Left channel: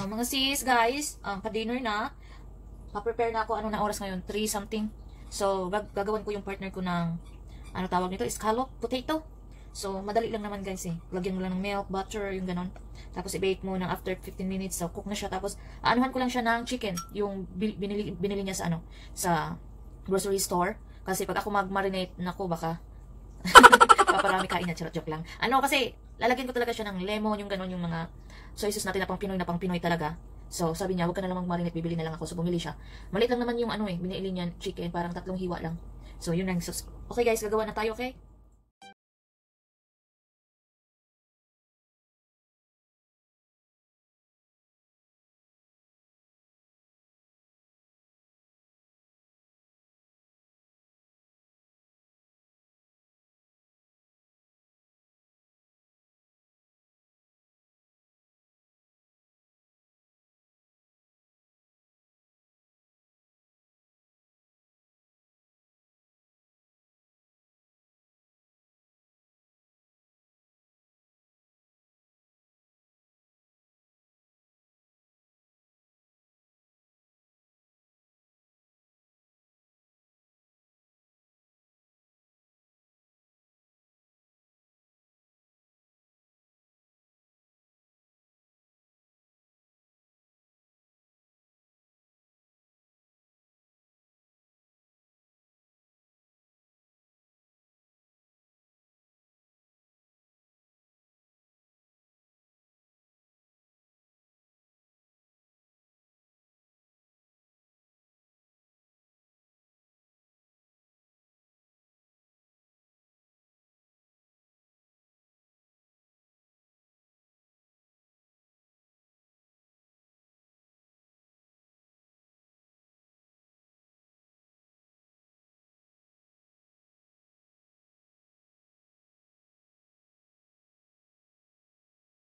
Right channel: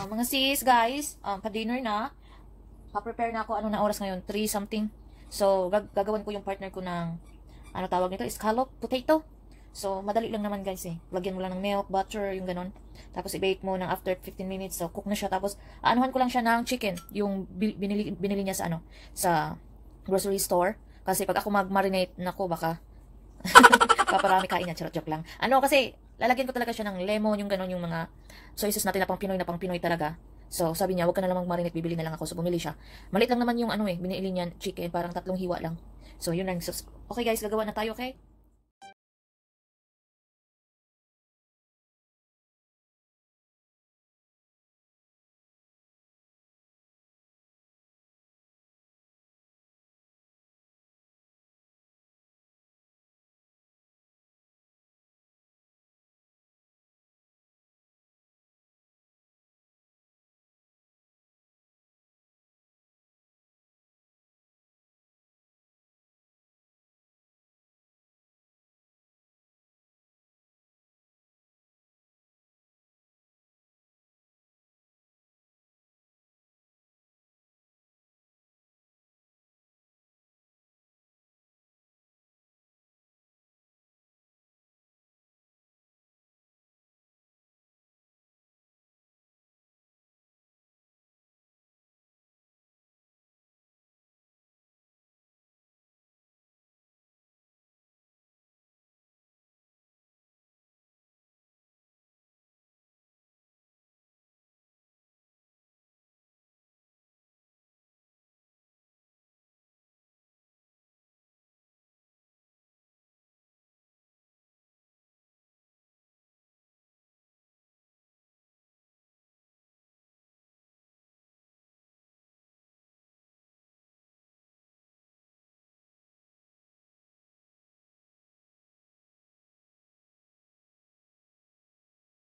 Mga sis, guys, pa-dinner na. Pa-prepare na ako. Ano na oras ngayon? 3 something. So, gagawan ko yung partner ko ng, ano tawag nito? Scallop potato. So, madali lang naman guys eh. Lagyan mo lang ng milk, butter, yung ganon. Tapos, i-bake mo ng after 15 minutes. So, cook na siya. Tapos, aanuhan ko lang siya ng chicken. Yung binili niya sa, sa grocery store. Kasi, pag ako mag-marinate, nako, baka paparami kain niya. Joke lang. Kasi, lalagyan ko talaga siya ng lemon, yung ganon, yung mga soy sauce natin na pang Pinoy talaga. So, sabi niya, huwag ka na lang mag-marinate, bibili na lang ako. So, bumili siya. Maliit lang naman yung binili niya, chicken, parang 3 hiwa lang. So, yun lang. So, okay guys, gagawa na tayo, okay?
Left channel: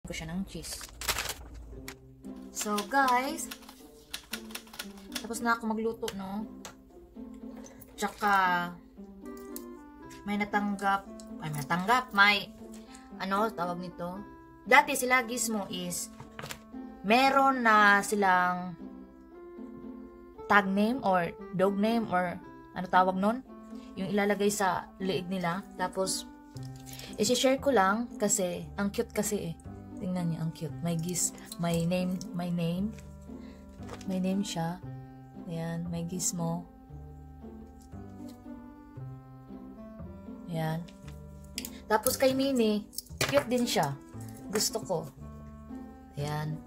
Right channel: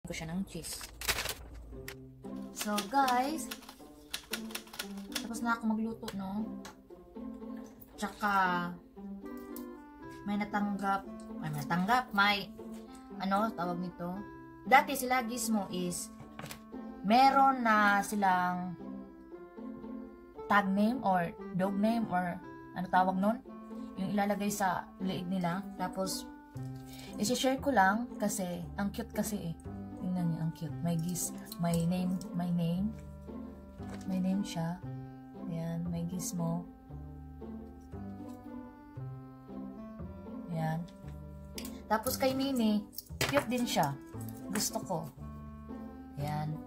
Ko siya ng cheese. So, guys, tapos na ako magluto, no? Tsaka, may natanggap, may, tawag nito? Dati sila Gizmo is, meron na silang tag name or dog name or ano tawag nun? Yung ilalagay sa leeg nila. Tapos, isi-share ko lang kasi, ang cute kasi eh. Tingnan niyo, ang cute. My name siya. Ayan, may Gizmo. Ayan. Tapos kay Minnie, cute din siya. Gusto ko. Ayan.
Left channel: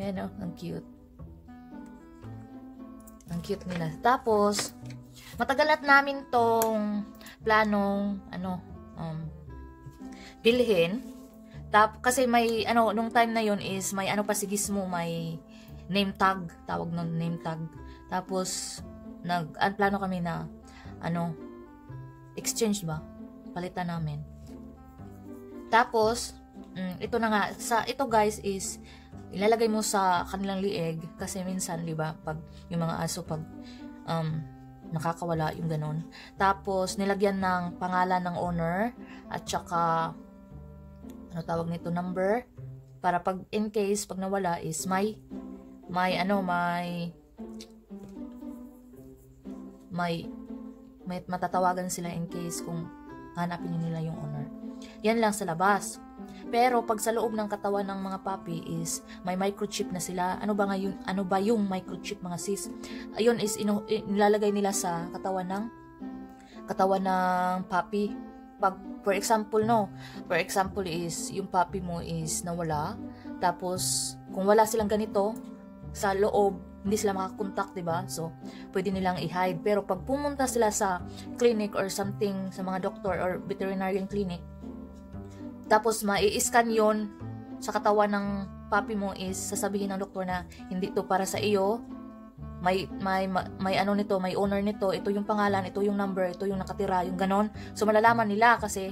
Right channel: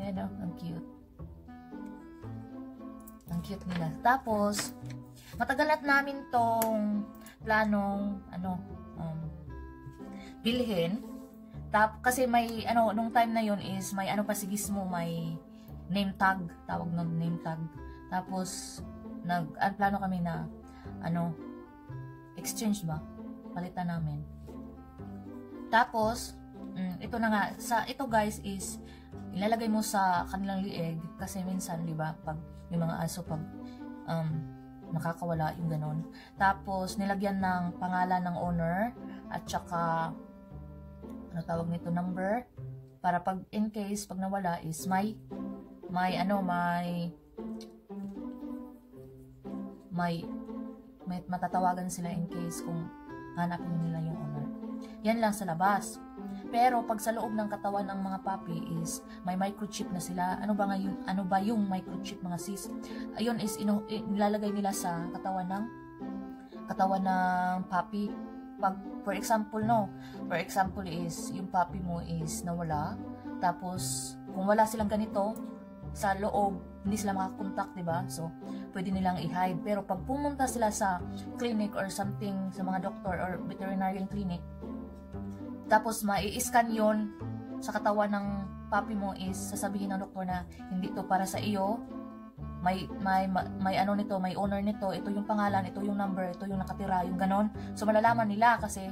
Ayan o, ang cute. Ang cute nila. Tapos, matagal na namin tong planong, bilhin. Kasi may, nung time na yun is, may pa si Gizmo, may name tag. Tawag nun, name tag. Tapos, plano kami na, exchange ba? Palitan namin. Tapos, ito na nga, ito guys is, ilalagay mo sa kanilang lieg, kasi minsan, di ba, pag, yung mga aso, pag, nakakawala, yung ganon. Tapos, nilagyan ng pangalan ng owner, at saka, tawag nito, number, para pag in case pag nawala is may matatawagan sila in case kung hanapin nila yung owner. Yan lang sa labas. Pero pag sa loob ng katawan ng mga puppy is may microchip na sila. Ano ba yung microchip, mga sis? Ayun is nilalagay nila sa katawan ng puppy. Pag for example is yung puppy mo is nawala, tapos kung wala silang ganito sa loob, hindi sila makakontak, diba? So pwede nilang i-hide. Pero pag pumunta sila sa clinic or something, sa mga doctor or veterinarian clinic, tapos mai-scan yon sa katawan ng puppy mo, is sasabihin ng doktor na hindi to para sa iyo. May nito, may owner nito, ito yung pangalan, ito yung number, ito yung nakatira, yung ganon. So malalaman nila kasi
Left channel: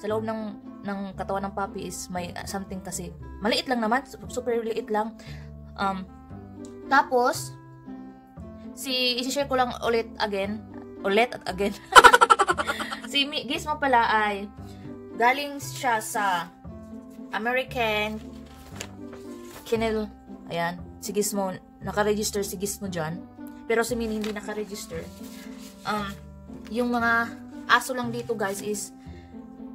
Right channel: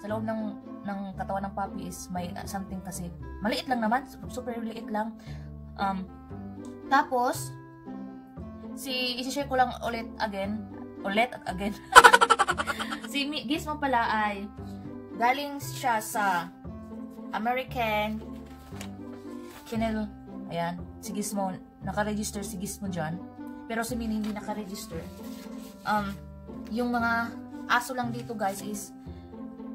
sa loob ng katawan ng puppy is may something kasi. Maliit lang naman, super liit lang. Tapos i-share ko lang ulit at again. Si Gizmo pala ay galing siya sa American Kennel. Ayan, si Gizmo, naka-register si Gizmo dyan. Pero si Minnie hindi naka-register. Yung mga aso lang dito guys is,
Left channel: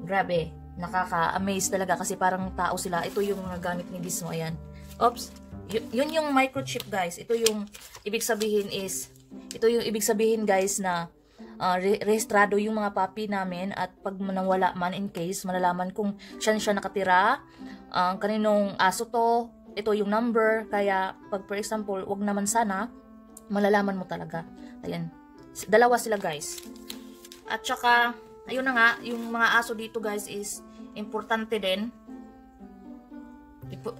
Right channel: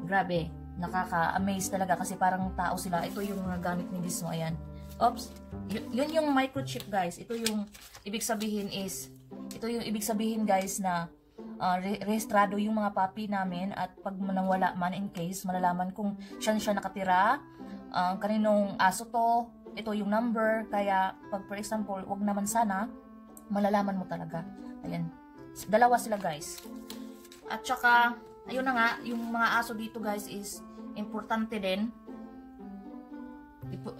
grabe, nakaka-amaze talaga kasi parang tao sila. Ito yung mga gamit ni Gizmo, ayan. Oops, yun yung microchip guys. Ito yung ibig sabihin guys na rehistrado yung mga puppy namin at pag nawala man in case, malalaman kung siya nakatira, kaninong aso to, ito yung number, kaya pag for example, wag naman sana, malalaman mo talaga. Ayan, dalawa sila guys. At saka, ayun na nga, yung mga aso dito guys is importante din.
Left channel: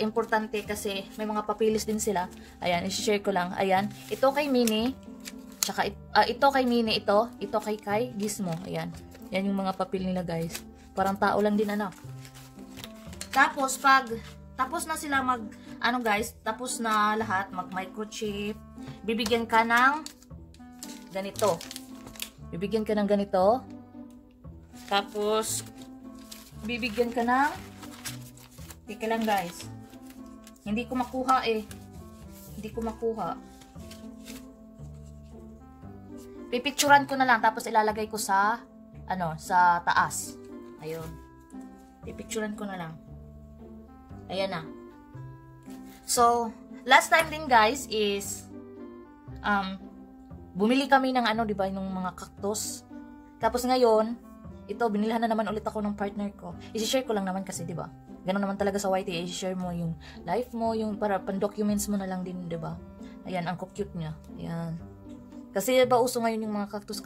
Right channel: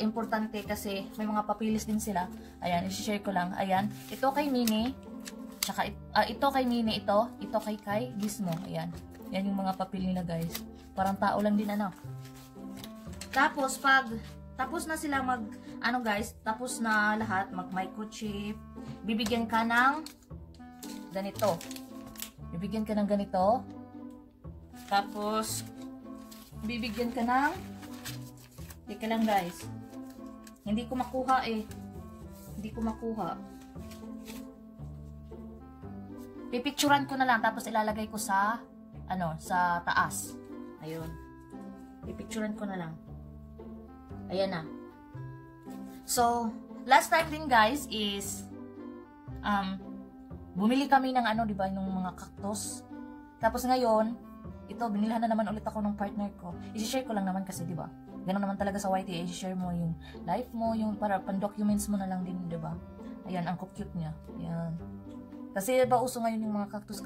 Importante kasi may mga papilis din sila. Ayan, i-share ko lang. Ayan, ito kay Minnie. Tsaka ito kay Minnie, ito kay Gizmo. Ayan. Yan yung mga papel nila guys. Parang tao lang din ano. Tapos tapos na sila tapos na lahat, mag-microchip. Bibigyan ka ng ganito. Tapos bibigyan ka ng teka lang guys. Hindi ko makuha. Pipicturan ko na lang tapos ilalagay ko sa sa taas. Ayun. Pipicturan ko na lang. Ayan na. So, last time din guys is bumili kami ng di ba, ng mga cactus. Tapos ngayon, ito binilhan na naman ulit ako ng partner ko. I-share ko lang naman kasi, di ba? Ganun naman talaga sa YT, i-share mo yung life mo, yung para pan-documents mo na lang din, di ba? Ayan, ang cute niya. Ayan. Kasi ba uso ngayon yung mga cactus.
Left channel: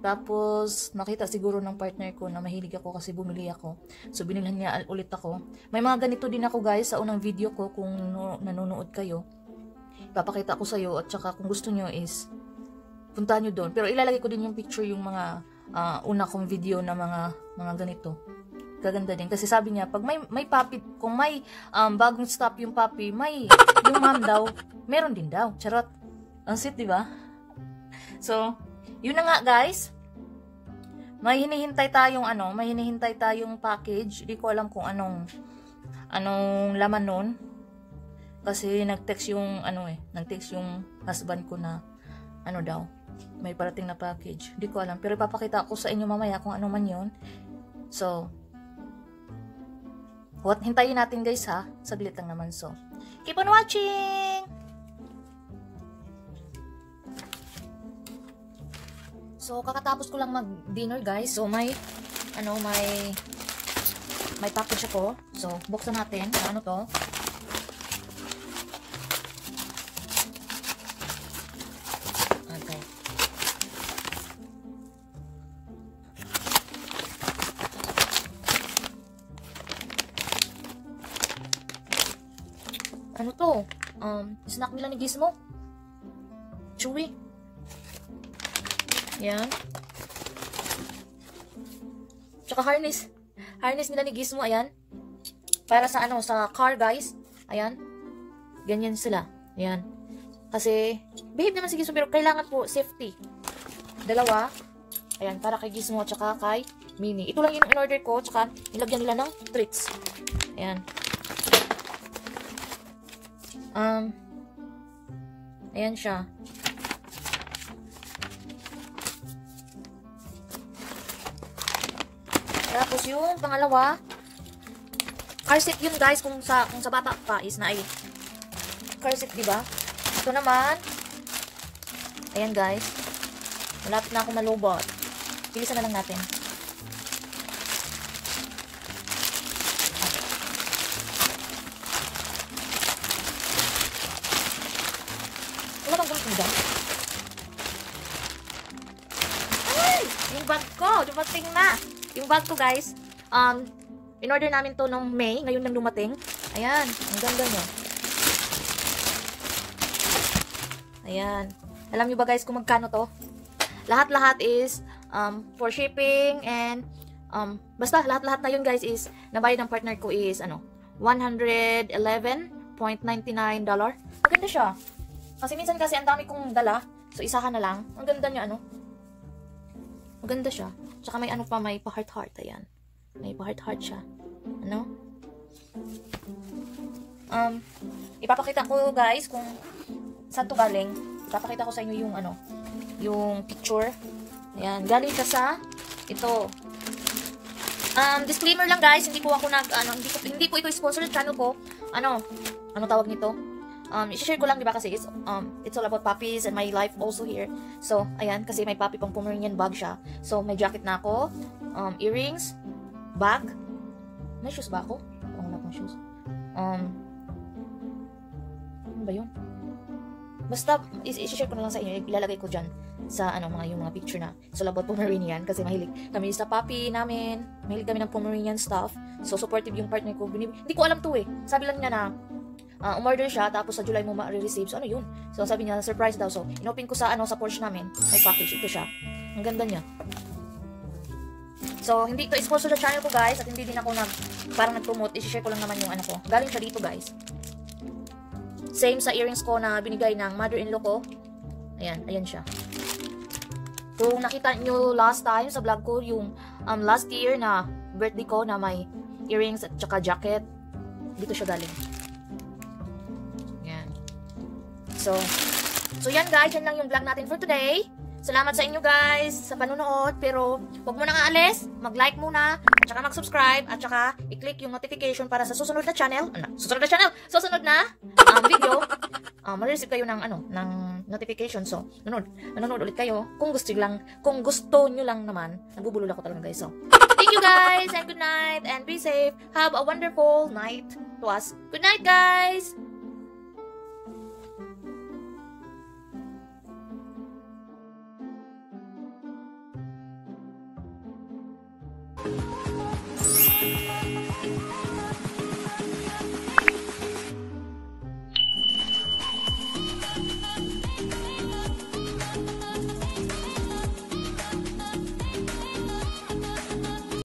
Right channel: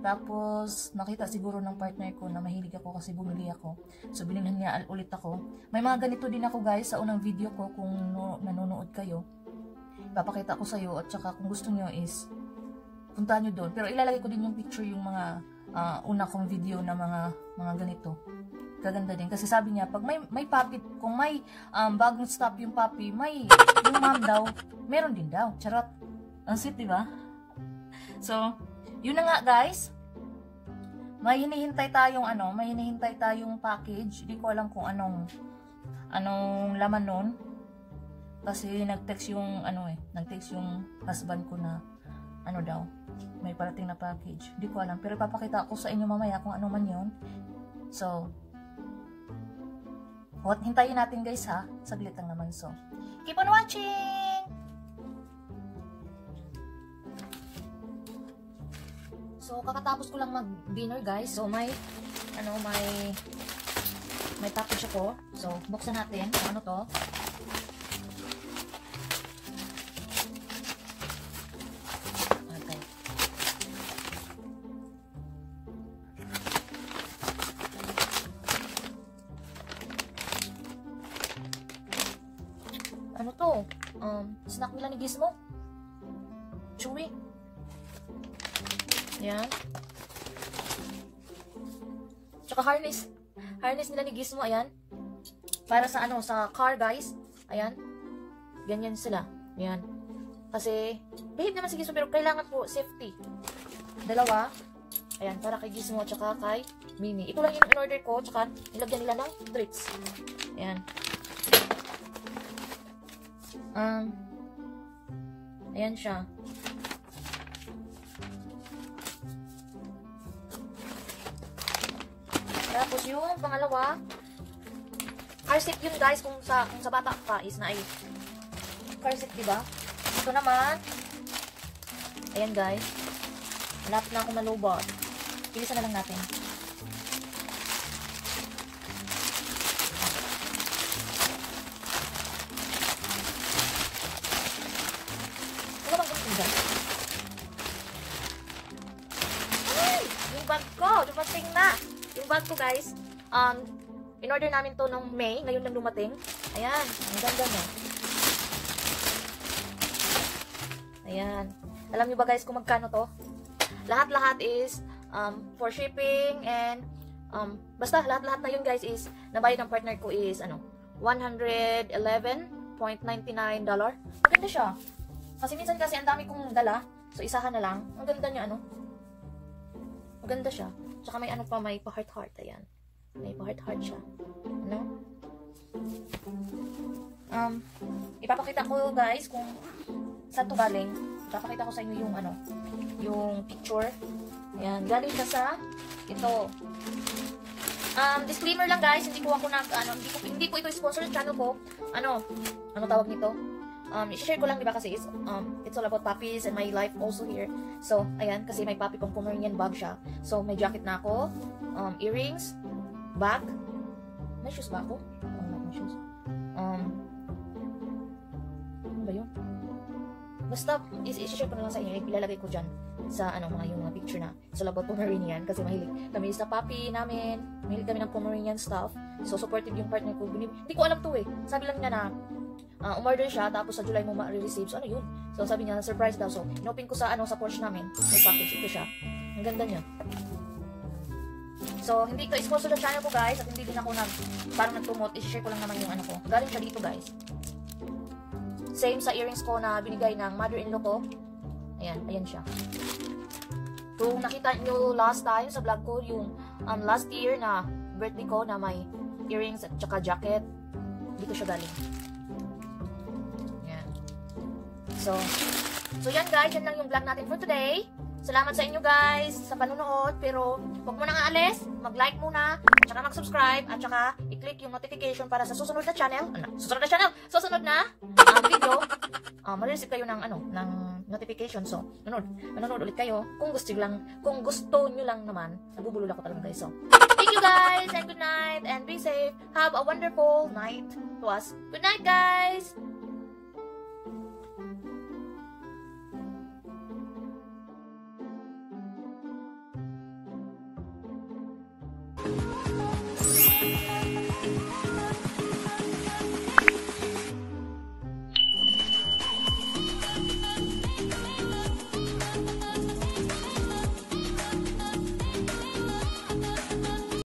Tapos nakita siguro ng partner ko na mahilig ako kasi bumili ako. So binilhan niya ulit ako. May mga ganito din ako guys sa unang video ko kung nanonood kayo. Papakita ko sa iyo at saka kung gusto niyo is puntahan niyo doon. Pero ilalagay ko din yung picture yung mga una kong video na mga ganito. Gaganda din kasi sabi niya pag may puppy, kung may bagong stop yung puppy, may yung mom daw, meron din daw. Charot. Ang sweet, di ba? So, yun na nga guys. May hinihintay tayong package. Hindi ko alam kung anong laman nun. Kasi nag-text yung nag-text yung husband ko na daw, may parating na package. Hindi ko alam, pero ipapakita ko sa inyo mamaya kung ano man yun. So, hintayin natin guys ha. Saglit lang naman. So, keep on watching! So, kakatapos ko lang mag-dinner guys. So, may package ako. So, buksan natin. Ano to? Okay. Ano to? Snack nila ni Gizmo. Chewy. Yan. Tsaka harness. Harness nila ni Gizmo, ayan. Para sa sa car, guys. Ayan. Ganyan sila. Ayan. Kasi, behave naman si Gizmo, pero kailangan po safety. Dalawa. Ayan, para kay Gizmo, tsaka kay Minnie. Ito lang yung in-order ko, tsaka nilagyan nila ng treats. Ayan. Ayan siya. Tapos yung pangalawa, car seat yun guys, kung sa bata pa is na ay car seat, diba? Ito naman, ayan guys, malapit na ako malubot. Pilisan na lang natin. Ano bang ganito dyan? Ay! Yung bag ko, dumating na! Yung bag ko guys, in-order namin to nung May, ngayon lang dumating. Ayan, ang ganda mo. Ayan. Alam nyo ba guys kung magkano to? Lahat-lahat is for shipping and basta lahat-lahat na yun guys is nabayad ng partner ko is $111.99. Maganda siya. Kasi minsan kasi ang dami kong dala, so isahan na lang. Ang ganda niya maganda siya. Tsaka may pa, may pa-heart-heart. Ayan. May pa-heart-heart siya. Ipapakita ko guys kung saan to galing. Ipapakita ko sa inyo yung ano, yung picture. Ayan, galing siya sa ito. Disclaimer lang guys, hindi po ako hindi po ito sponsor sa channel ko. Ano tawag nito? I-share ko lang, diba, kasi it's all about puppies and my life also here. So, ayan, kasi may puppy pang Pomeranian bag siya. So, may jacket na ako, earrings, bag. May shoes ba ako? Ano na akong shoes? Ano ba yun? Basta, i-share ko na lang sa inyo. Ilalagay ko dyan sa yung mga picture na. So, about Pomeranian, kasi mahilig kami sa puppy namin. Mahilig kami ng Pomeranian stuff. So, supportive yung partner ko. Hindi ko alam to eh. Sabi lang niya na, umorder siya, tapos sa July mo ma-receive. So, ano yun? So, sabi niya, surprise daw. So, inopen ko sa Porsche namin. May package. Ito siya. Ang ganda niya. So, hindi ito sponsor sa channel ko, guys. At hindi din ako parang nag-promote. I-share ko lang naman yung ko. Galing siya dito, guys. Same sa earrings ko na binigay ng mother-in-law ko. Ayan. Ayan siya. Kung nakita nyo last time sa vlog ko, yung last year na birthday ko na may earrings at saka jacket. Dito siya galing. So yan guys, yan lang yung vlog natin for today. Salamat sa inyo guys sa panonood, pero huwag mo nang aalis, mag-like muna, at saka mag-subscribe, at saka i-click yung notification para sa susunod na channel, susunod na video, ma-receive kayo ng ng notification. So, nanonood ulit kayo kung gusto nyo lang naman. Nagbubulol ako talaga guys. So, thank you guys, and good night, and be safe. Have a wonderful night to us. Good night guys!